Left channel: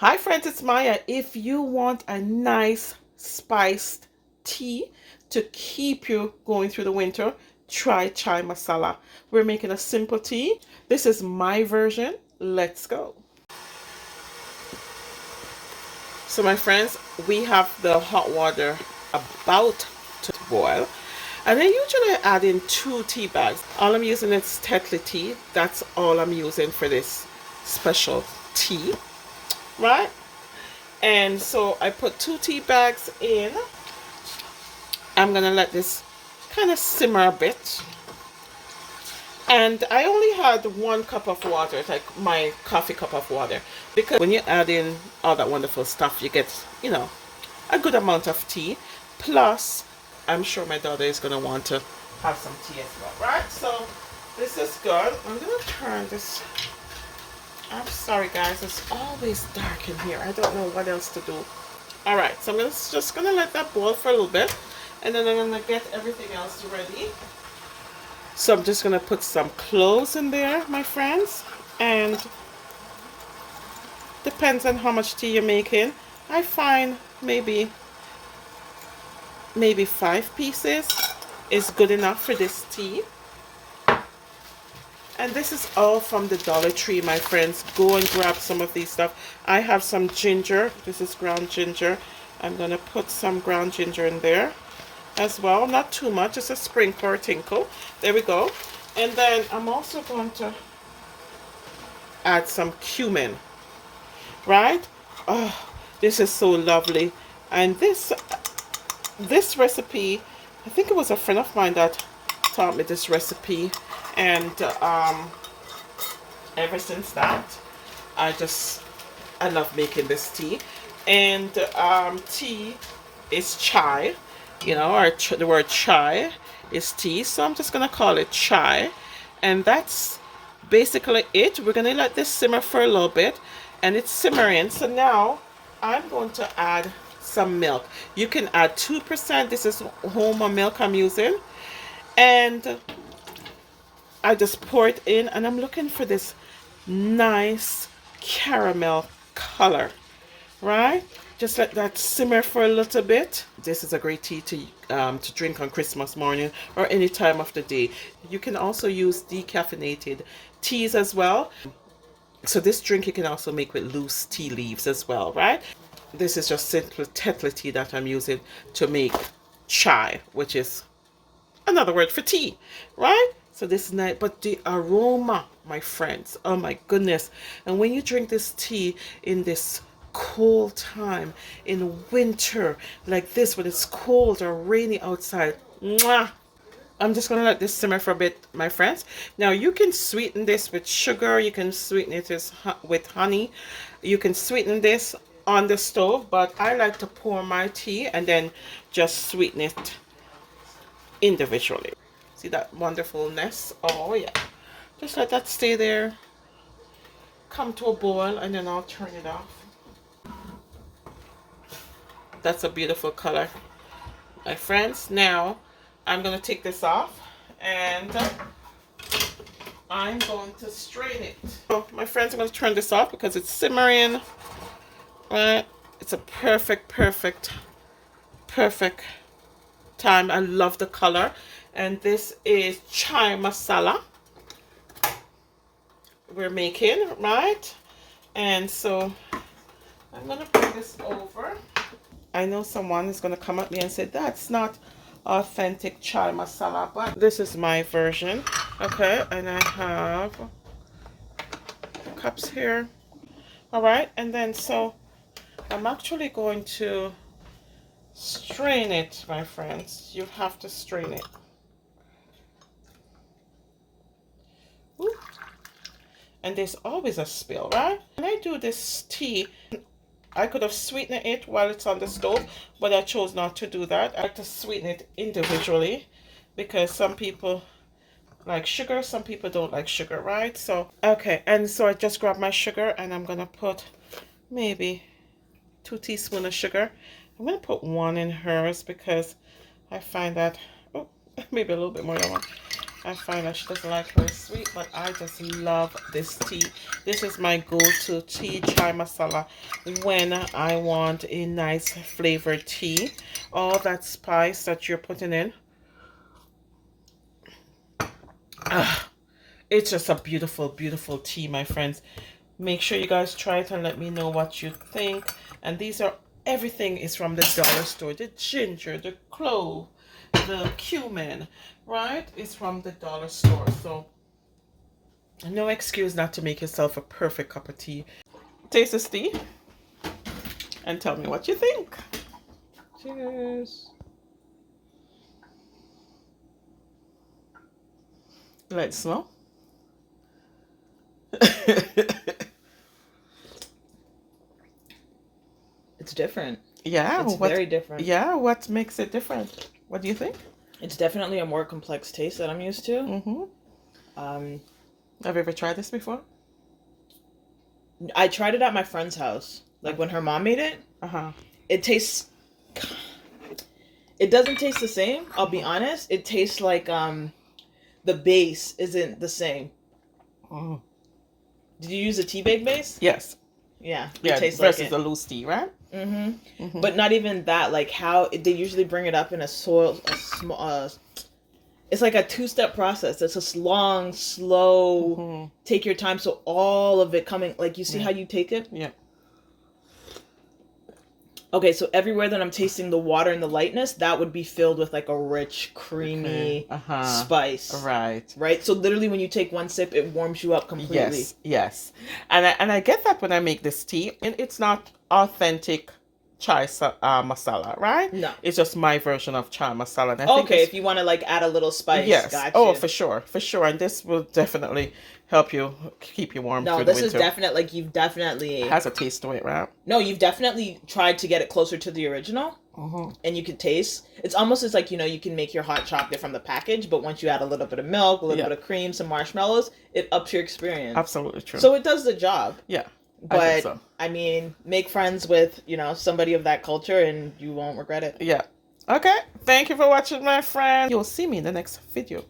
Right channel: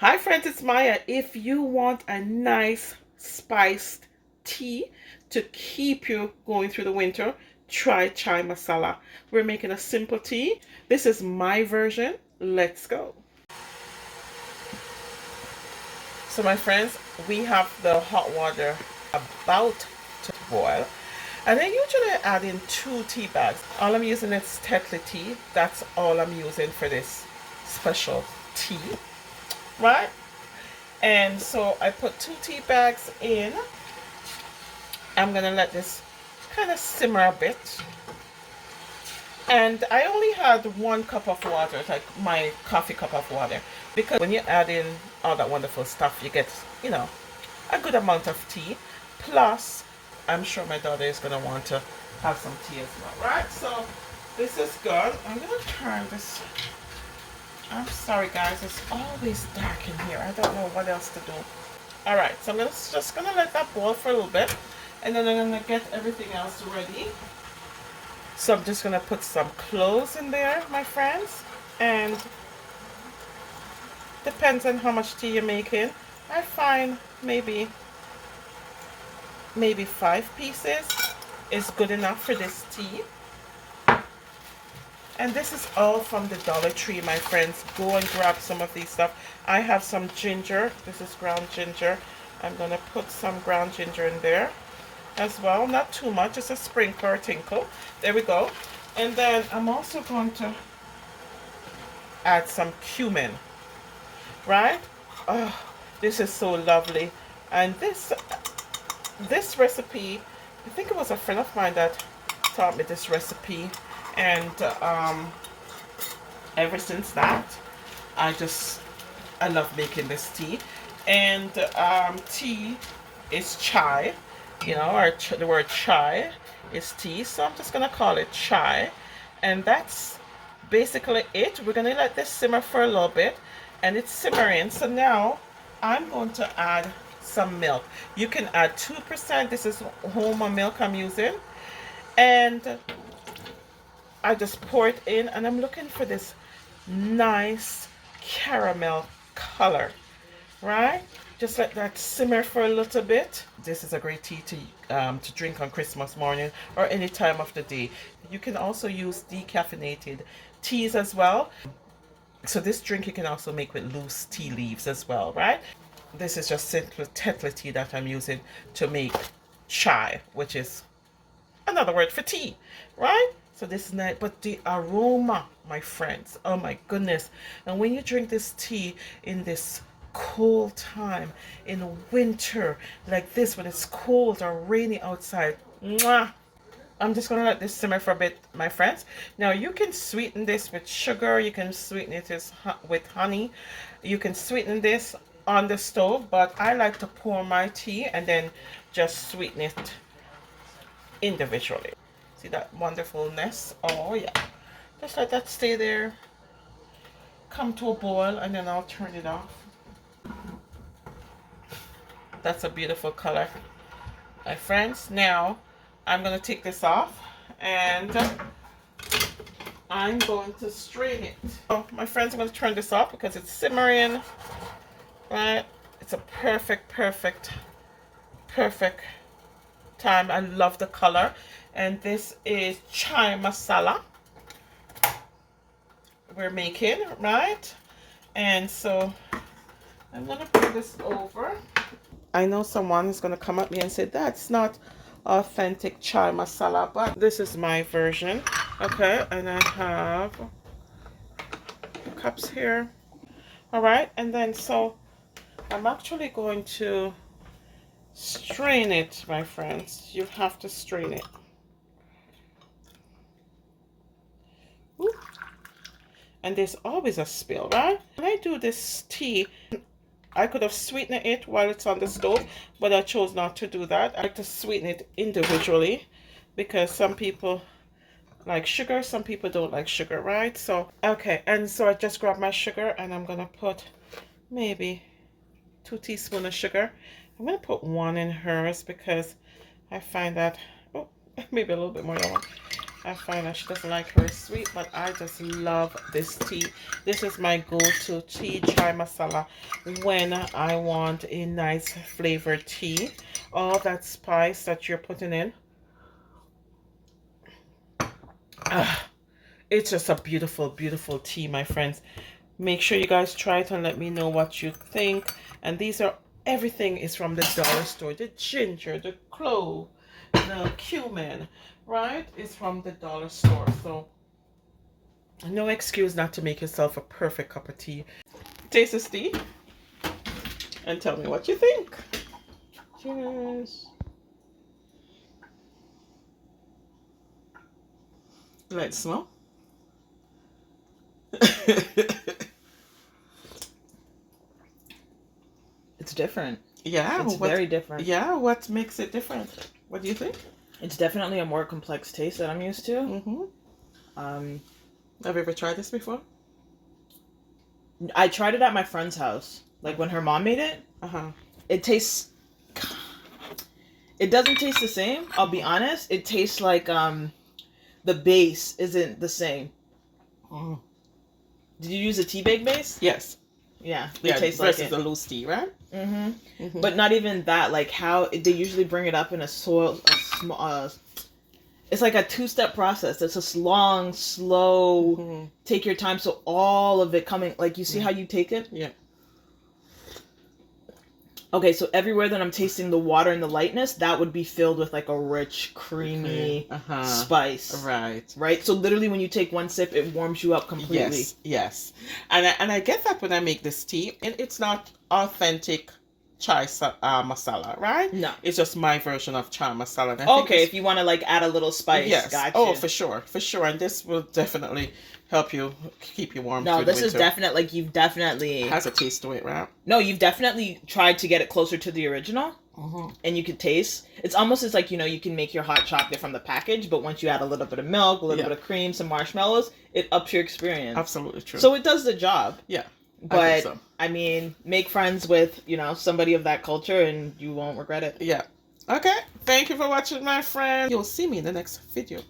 Hi friends, it's Maya. If you want a nice spiced tea to keep you going through the winter, try chai masala. We're making a simple tea. This is my version. Let's go. So my friends, we have the hot water about to boil. And I usually add in 2 tea bags. All I'm using is Tetley tea. That's all I'm using for this special tea, right? And so I put 2 tea bags in. I'm gonna let this kind of simmer a bit. And I only had 1 cup of water, like my coffee cup of water, because when you add in all that wonderful stuff, you get, a good amount of tea. Plus, I'm sure my daughter is gonna want to have some tea as well, right? So this is good. I'm gonna turn this. I'm sorry guys, it's always dark in here. I don't know what else to do. Alright, so I'm just gonna let that boil for a little bit, and then I'm gonna get everything else ready. So I'm just gonna put some cloves in there, my friends, and depends on how much tea you're making. I find maybe 5 pieces is good enough for this tea. And this is all from the Dollar Tree, my friends. Go and grab some of these stuff. I have some ginger. This is ground ginger. I'm going to put some ground ginger in there as well. Not too much, just a sprinkle or tinkle. There we go. And then I'm also going to add some cumin, right? Oh, this is so lovely. And this recipe, I think it was a friend of mine that taught me this recipe. And ever since that, I love making this tea. And tea is chai, or the word chai is tea, so I'm just gonna call it chai. And that's basically it. We're gonna let this simmer for a little bit, and it's simmering. So now I'm going to add some milk. You can add 2%. This is Homa milk I'm using, and I just pour it in, and I'm looking for this nice caramel color, right? Just let that simmer for a little bit. This is a great tea to drink on Christmas morning or any time of the day. You can also use decaffeinated teas as well. So this drink you can also make with loose tea leaves as well, right? This is just simple Tetley tea that I'm using to make chai, which is another word for tea, right? So this is nice, but the aroma, my friends, oh my goodness. And when you drink this tea in this cold time, in winter like this, when it's cold or rainy outside, mwah. I'm just gonna let this simmer for a bit, my friends. Now you can sweeten this with sugar, you can sweeten it with honey, you can sweeten this on the stove, but I like to pour my tea and then just sweeten it individually. See that wonderfulness? Oh yeah. Just let that stay there, come to a boil, and then I'll turn it off. That's a beautiful color, my friends. Now I'm going to take this off, and I'm going to strain it. So my friends, I'm going to turn this off because it's simmering, right? It's a perfect time. I love the color. And this is chai masala we're making, right? And so I'm gonna put this over. I know someone is gonna come at me and say that's not authentic chai masala, but this is my version. Okay, and I have cups here. All right, and then so I'm actually going to strain it, my friends. You have to strain it. Ooh. And there's always a spill, right? When I do this tea, I could have sweetened it while it's on the stove, but I chose not to do that. I like to sweeten it individually because some people like sugar, some people don't like sugar, right? So, okay, and so I just grabbed my sugar and I'm gonna put maybe 2 teaspoons of sugar. I'm gonna put 1 in hers because I find that, oh, maybe a little bit more. I find that she doesn't like her sweet, but I just love this tea. This is my go-to tea, chai masala, when I want a nice flavored tea. All that spice that you're putting in, it's just a beautiful, beautiful tea, my friends. Make sure you guys try it and let me know what you think. And these are, everything is from the dollar store. The ginger, the clove, the cumin, right? It's from the dollar store. So no excuse not to make yourself a perfect cup of tea. Taste this tea and tell me what you think. Cheers. Let's smell. It's different. Yeah, It's very different. Yeah, what makes it different? What do you think? It's definitely a more complex taste that I'm used to. Mm-hmm. Have you ever tried this before? I tried it at my friend's house, like when her mom made it. It tastes. It doesn't taste the same. I'll be honest. It tastes like the base isn't the same. Mm. Did you use a tea bag base? Yes. Yeah. Yeah. It tastes versus like it. a loose tea, right? Mm-hmm. Mm-hmm. But not even that. Like how they usually bring it up in a small. It's like a two-step process. It's a long, slow, take your time. So all of it coming, like you see how you take it? Yeah. Okay, so everywhere that I'm tasting the water and the lightness, that would be filled with like a rich, creamy spice. Right. Right? So literally when you take one sip, it warms you up completely. Yes. And I get that when I make this tea. And it's not authentic chai masala, right? No. It's just my version of chai masala. And I think Okay, if you want to like add a little spice. Yes. Gotcha. Oh, for sure. And this will definitely help you keep you warm. No, this is definitely, like, you've definitely... It has a taste to it, right? No, you've definitely tried to get it closer to the original. And you could taste. It's almost as like, you can make your hot chocolate from the package, but once you add a little bit of milk, a little bit of cream, some marshmallows, it ups your experience. Absolutely true. So it does the job. Yeah. But, I mean, make friends with, somebody of that culture and you won't regret it. Yeah. Okay. Thank you for watching, my friend. You'll see me in the next video.